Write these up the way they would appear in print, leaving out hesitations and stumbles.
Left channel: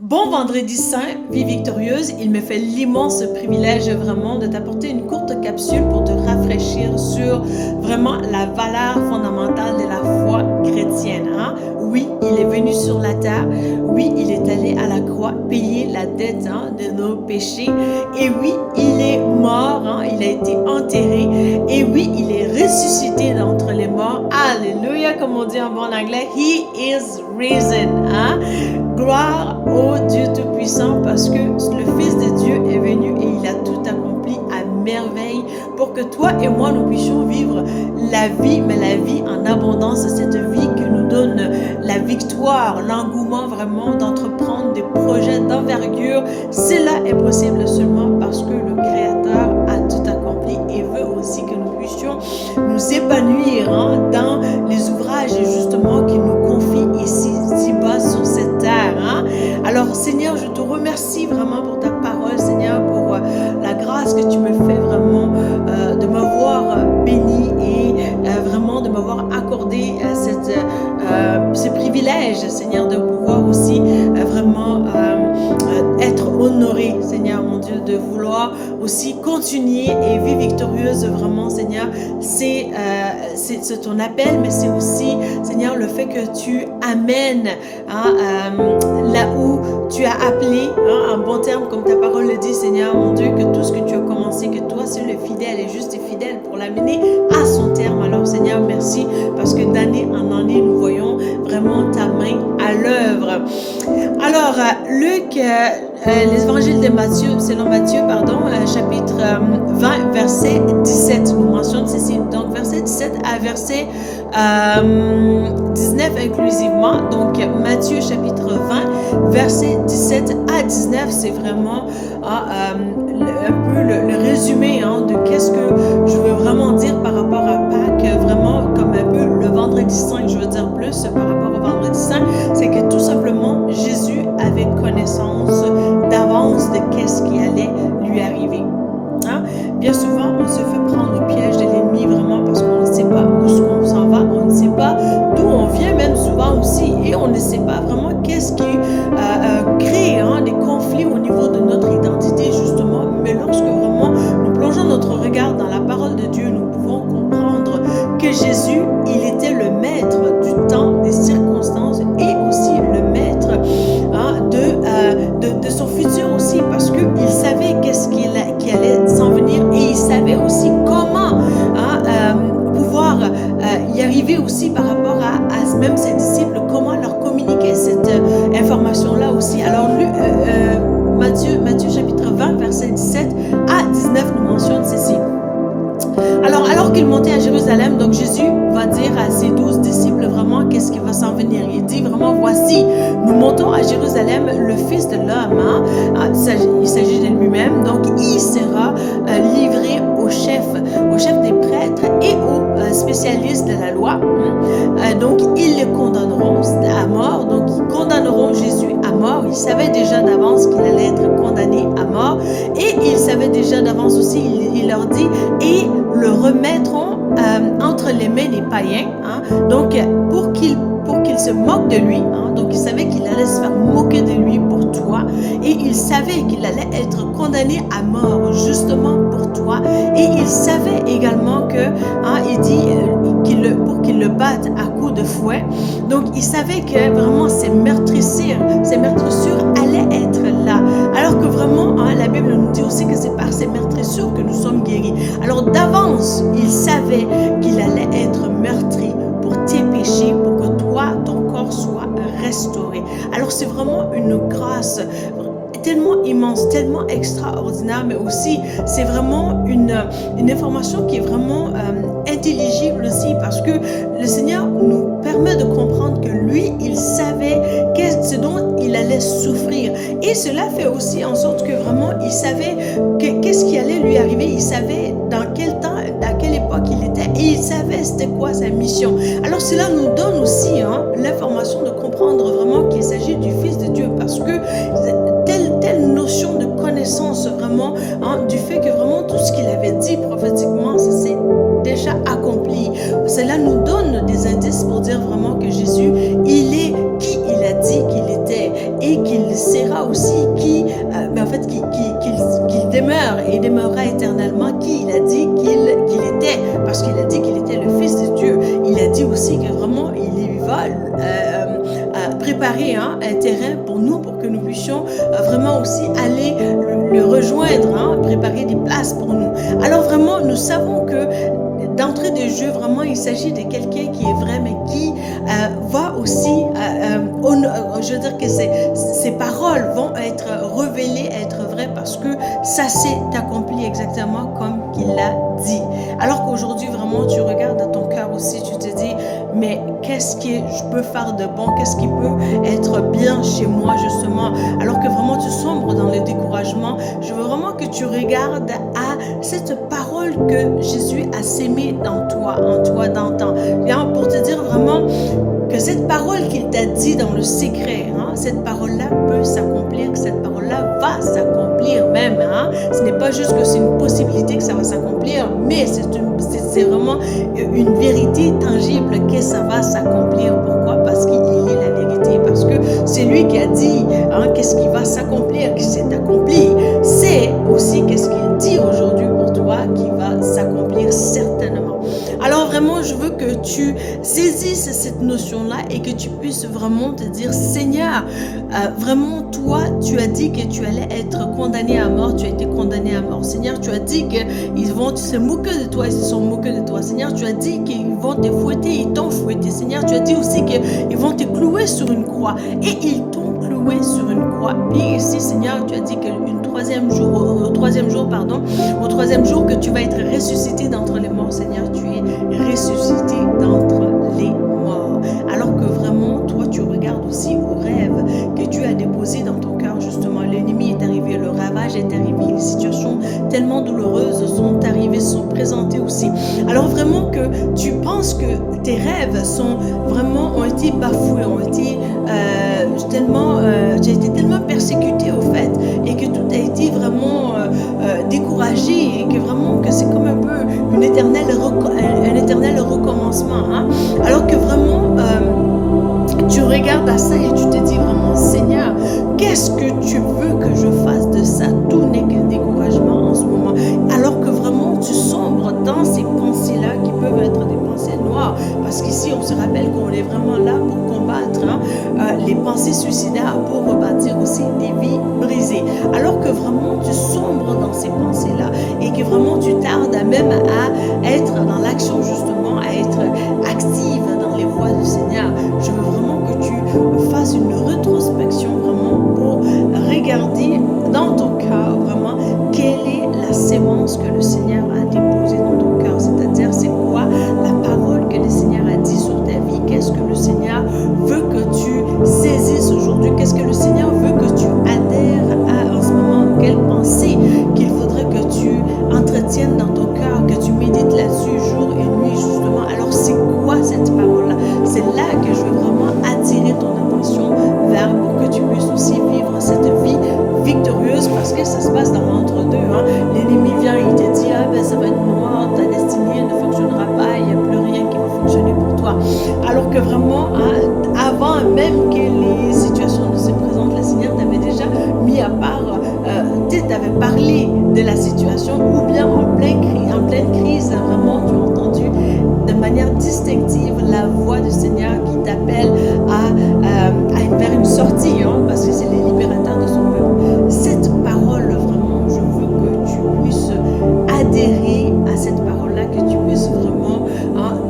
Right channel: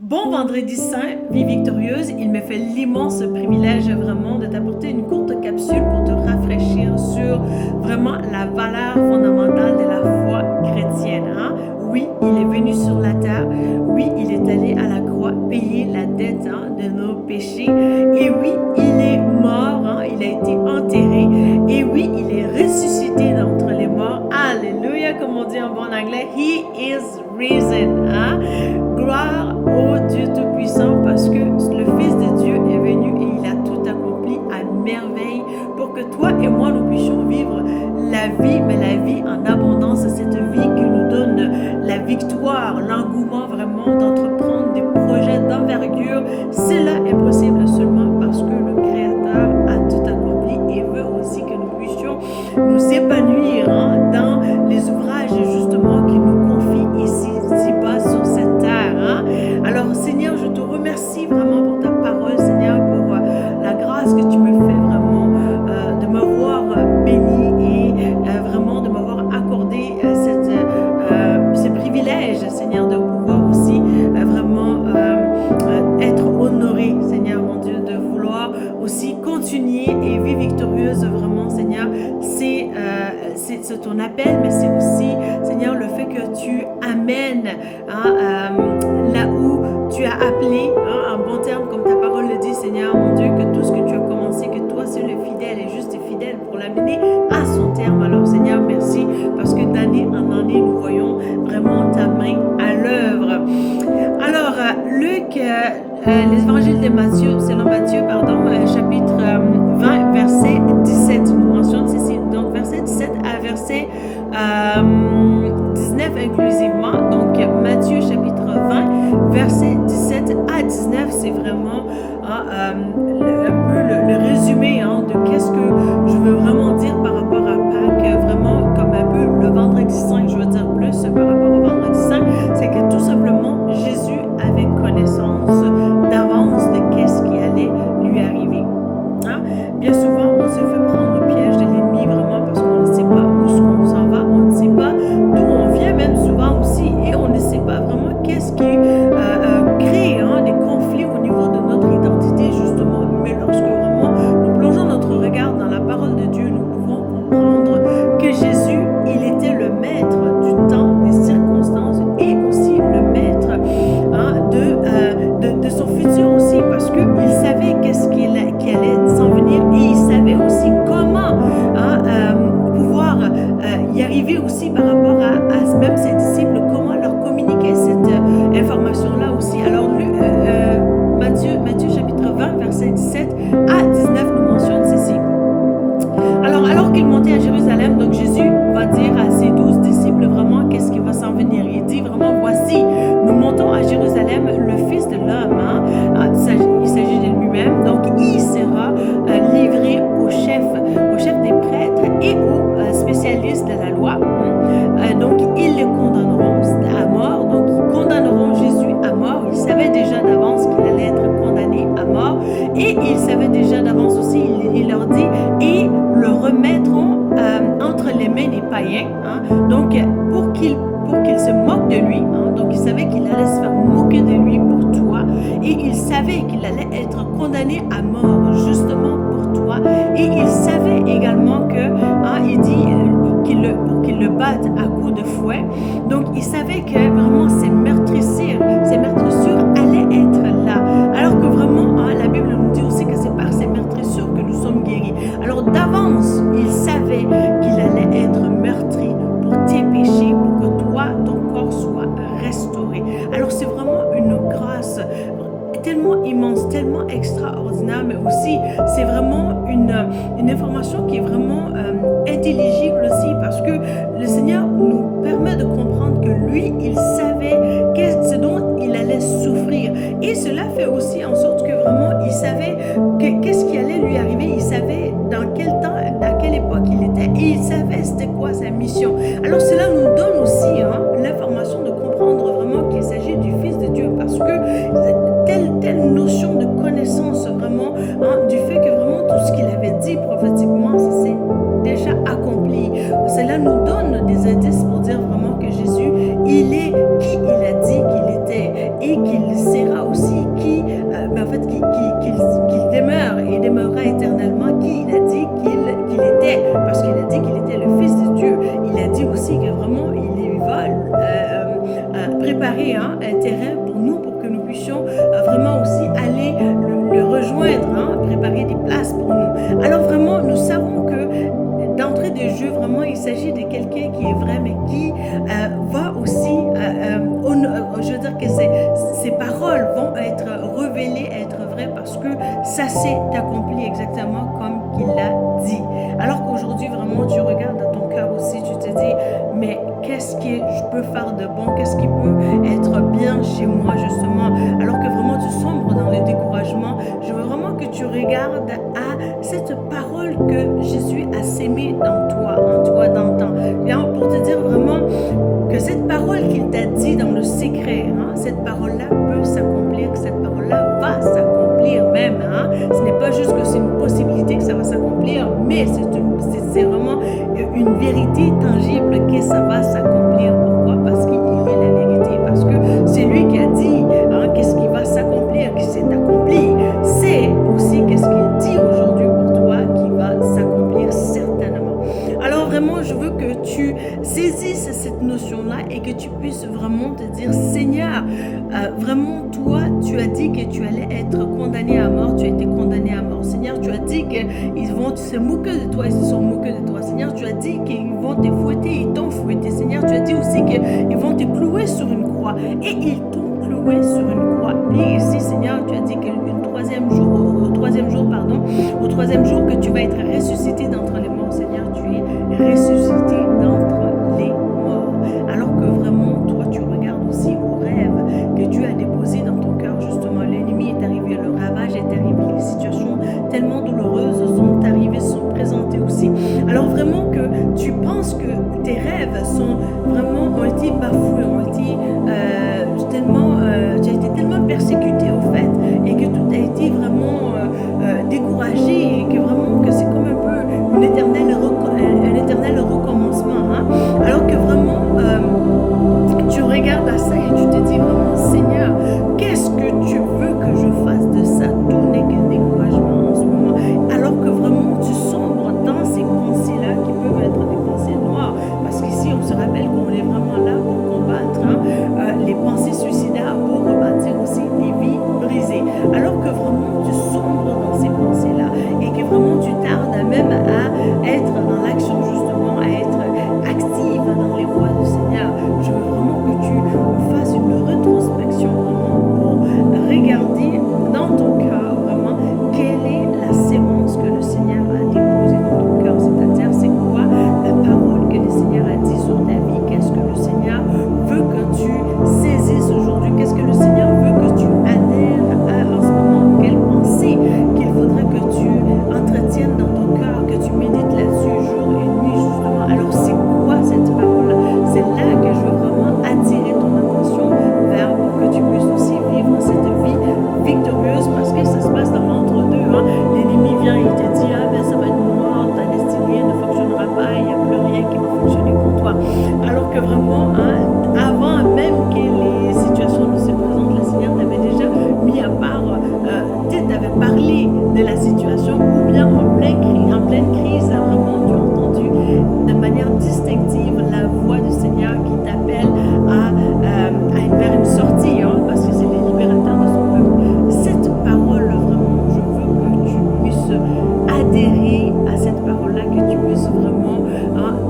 Bon vendredi saint, vie victorieuse, il me fait l'immense privilège vraiment de t'apporter une courte capsule pour te rafraîchir sur vraiment la valeur fondamentale de la foi chrétienne. Oui, il est venu sur la terre, oui, il est allé à la croix payer la dette de nos péchés, et oui, il est mort, il a été enterré, et oui, il est ressuscité d'entre les morts. Alléluia, comme on dit en bon anglais, He is risen. Gloire au Dieu Tout-Puissant, parce que le Fils de Dieu est venu et il a tout accompli à merveille pour que toi et moi nous puissions vivre la vie, mais la vie en abondance, cette vie qui nous donne la victoire, l'engouement vraiment d'entreprendre des projets d'envergure. Cela est possible seulement parce que le Créateur a tout accompli et veut aussi que nous puissions nous épanouir dans les ouvrages justement qu'il nous confie ici bas sur cette terre. Alors Seigneur, je te remercie vraiment pour ta parole, Seigneur, pour la grâce que tu me fais vraiment de m'avoir béni et vraiment de m'avoir accordé ce privilège, Seigneur, de pouvoir aussi vraiment être honoré, Seigneur mon Dieu, de vouloir aussi continuer et vivre victorieuse vraiment, Seigneur. C'est ton appel, mais c'est aussi, Seigneur, le fait que tu amènes là où tu as appelé, en bon terme, comme ta parole le dit, Seigneur mon Dieu, que tout ce que tu as commencé, que toi seul es fidèle et juste et fidèle pour l'amener à son terme. Alors Seigneur, merci, parce que d'année en année, nous voyons vraiment ta main à l'œuvre. Alors, Luc, l'évangile de Matthieu, selon Matthieu, chapitre 20, verset 17, nous mentionne ceci. Donc, verset 17 à verset 19 inclusivement. Donc, Matthieu, chapitre 20, verset 17 à 19, c'est vraiment un peu le résumé de qu'est-ce que je veux vraiment dire par rapport à Pâques, vraiment comme un peu le vendredi saint, je veux dire plus par rapport au vendredi saint, c'est que tout simplement, Jésus avait connaissance d'avance de qu'est-ce qui allait lui arriver. Bien souvent, on se fait prendre au piège de l'ennemi vraiment parce qu'on ne sait pas où on s'en va, on ne sait pas d'où on vient, même souvent aussi, et on ne sait pas vraiment qu'est-ce qui crée des conflits au niveau de notre identité justement. Mais lorsque vraiment nous plongeons notre regard dans la parole de Dieu, nous pouvons comprendre que Jésus, il était le maître du temps, des circonstances et aussi le maître de son futur aussi, parce qu'il savait qu'est-ce qui allait s'en venir et il savait aussi comment pouvoir y arriver aussi par rapport à même ses disciples, comment leur communiquer cette information-là aussi. Alors, Matthieu chapitre 20, verset 17 à 19 nous mentionne ceci. Alors qu'il montait à Jérusalem, donc Jésus va dire à ses 12 disciples vraiment qu'est-ce qui va s'en venir. Il dit vraiment, voici, nous montons à Jérusalem, le Fils de l'homme, il s'agit de lui-même, donc il sera livré aux chefs des prêtres et aux spécialistes de la loi. Donc ils les condamneront à mort, donc ils condamneront Jésus à mort. Ils savaient déjà d'avance qu'il allait être condamné à mort et ils savaient déjà d'avance aussi, il leur dit, et le remettront entre les mains des païens, donc pour qu'il se moque de lui, donc il savait qu'il allait se faire moquer de lui pour toi, et il savait qu'il allait être condamné à mort justement pour toi, et il savait également que, il dit pour qu'il le batte à coups de fouet, donc il savait que vraiment ces meurtrissures allaient être là, alors que vraiment la Bible nous dit aussi que c'est par ces meurtrissures que nous sommes guéris. Alors d'avance, il savait qu'il allait être meurtri pour tes péchés, pour que toi, ton corps soit restauré. Alors c'est vraiment une grâce tellement immense, tellement extraordinaire, mais aussi c'est vraiment une information qui est vraiment intelligible aussi, parce que le Seigneur nous permet de comprendre que lui, il savait ce dont il allait souffrir, et cela fait aussi en sorte que vraiment il savait qu'est-ce qui allait lui arriver, il savait dans quel temps, à quelle époque il était, et il savait c'était quoi sa mission. Alors cela nous donne aussi l'information de comprendre vraiment qu'il s'agit du Fils de Dieu, parce que telle notion de connaissance vraiment du fait que vraiment tout ce qu'il avait dit prophétiquement, ça s'est déjà accompli. Cela nous donne des indices pour dire vraiment que Jésus, il est qui il a dit qu'il était, et qu'il sera aussi qu'il demeure et demeurera éternellement qui il a dit qu'il était, parce qu'il a dit qu'il était le Fils de Dieu. Il a dit aussi que vraiment il va préparer un terrain pour nous, pour que nous puissions vraiment aussi aller le rejoindre, préparer des places pour nous. Alors vraiment, nous savons que d'entrée de jeu, vraiment, il s'agit de quelqu'un qui est vrai, mais qui va aussi, je veux dire que ses paroles vont être révélées, être vraies, parce que ça s'est accompli exactement comme il l'a dit. Alors qu'aujourd'hui, vraiment, tu regardes dans ton cœur aussi, tu te dis, mais qu'est-ce que je peux faire de bon, qu'est-ce qui peut être bien chez moi, justement, alors que vraiment tu sombres dans le découragement. Je veux vraiment que tu regardes à cette parole que Jésus a sémée dans toi, en toi d'antan. Pour te dire vraiment que cette parole qu'il t'a dit dans le secret, cette parole-là peut s'accomplir, que cette parole-là va s'accomplir même. Ce n'est pas juste que c'est une possibilité que ça va s'accomplir, mais c'est vraiment une vérité tangible que ça va s'accomplir. Pourquoi? Parce qu'il est la vérité, parce que c'est lui qui a dit qu'est-ce qui va s'accomplir, qui s'est accompli. C'est aussi qu'est-ce qu'il dit aujourd'hui pour toi qui va s'accomplir certainement. Alors vraiment, je veux que tu saisisses cette notion-là et que tu puisses vraiment te dire, Seigneur, vraiment toi, tu as dit que tu allais être condamné à mort, tu as été condamné à mort. Seigneur, tu as dit qu'ils vont se moquer de toi, ils se sont moqués de toi. Seigneur, tu as dit qu'ils vont te fouetter, ils t'ont fouetté. Seigneur, tu as dit aussi qu'ils vont te clouer sur une croix et ils t'ont cloué sur une croix. Et ici, Seigneur, tu as dit au troisième jour que tu vas être ressuscité d'entre les morts. Seigneur, tu es ressuscité d'entre les morts. Alors que vraiment, toi, tu regardes aussi au rêve que Dieu a déposé dans ton cœur, justement. L'ennemi est arrivé, le ravage est arrivé, les situations tellement douloureuses sont arrivées, sont présentées aussi. Alors vraiment que tu penses que tes rêves ont été bafoués, tu as été tellement persécuté au fait, et que tout a été vraiment découragé, et que vraiment que c'est comme un peu un éternel recommencement. Alors que vraiment tu regardes à ça et tu te dis vraiment, Seigneur, qu'est-ce que tu veux que je fasse de ça? Tout n'est que découragement en ce moment. Alors que vraiment tu sombres dans ces pensées-là qui peuvent être des pensées noires, parce qu'ici on se rappelle qu'on est vraiment là pour combattre les pensées suicidaires, pour rebâtir aussi des vies brisées. Alors que vraiment tu sombres dans ces pensées-là et que vraiment tu tardes même à être dans l'action, justement, à être active dans les voies du Seigneur. Je veux vraiment que tu fasses une rétrospection vraiment pour regarder dans ton cœur vraiment quelle est la sémence que le Seigneur a déposée dans ton cœur, c'est-à-dire c'est quoi la parole que le Seigneur a dit sur ta vie, qu'est-ce que le Seigneur veut que tu saisisses aujourd'hui, qu'est-ce que le Seigneur veut que tu adhères à en ce moment, quelle pensée qu'il faudrait que tu entretiennes dans ton cœur, que tu médites là-dessus jour et nuit, justement. Alors c'est quoi cette parole-là? C'est là que je veux vraiment attirer ton attention vers, pour que tu puisses aussi vivre cette vie victorieuse, parce que ça se passe dans l'entre-deux. L'ennemi vient, il te dit, ça va être noir, ta destinée ne fonctionnera pas, il n'y a plus rien qui va fonctionner pour toi. Alors que vraiment, avant même que les situations ne se présentent, le Seigneur t'avait déjà mis à part, t'avais parlé de la situation, ou bien en pleine crise, vraiment tu as entendu de manière distinctive la voix du Seigneur qui t'appelle vers une sortie, parce que c'est les libérateurs de son peuple. Cette parole, vraiment, je veux que tu puisses adhérer à cette parole-là, que tu puisses vraiment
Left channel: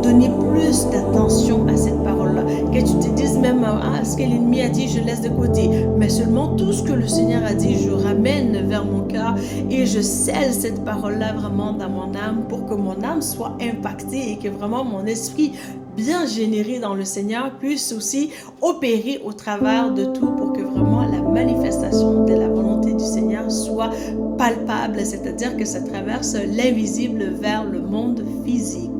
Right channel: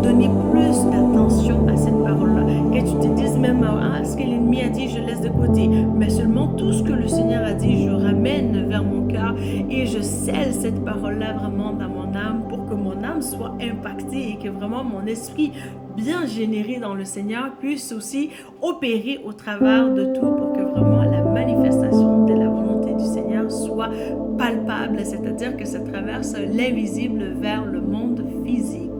donner plus d'attention à cette parole-là, que tu te dises même ce que l'ennemi a dit, je laisse de côté, mais seulement tout ce que le Seigneur a dit, je ramène vers mon cœur et je scelle cette parole-là vraiment dans mon âme, pour que mon âme soit impactée et que vraiment mon esprit bien généré dans le Seigneur puisse aussi opérer au travers de tout, pour que vraiment la manifestation de la volonté du Seigneur soit palpable, c'est-à-dire que ça traverse l'invisible vers le monde physique.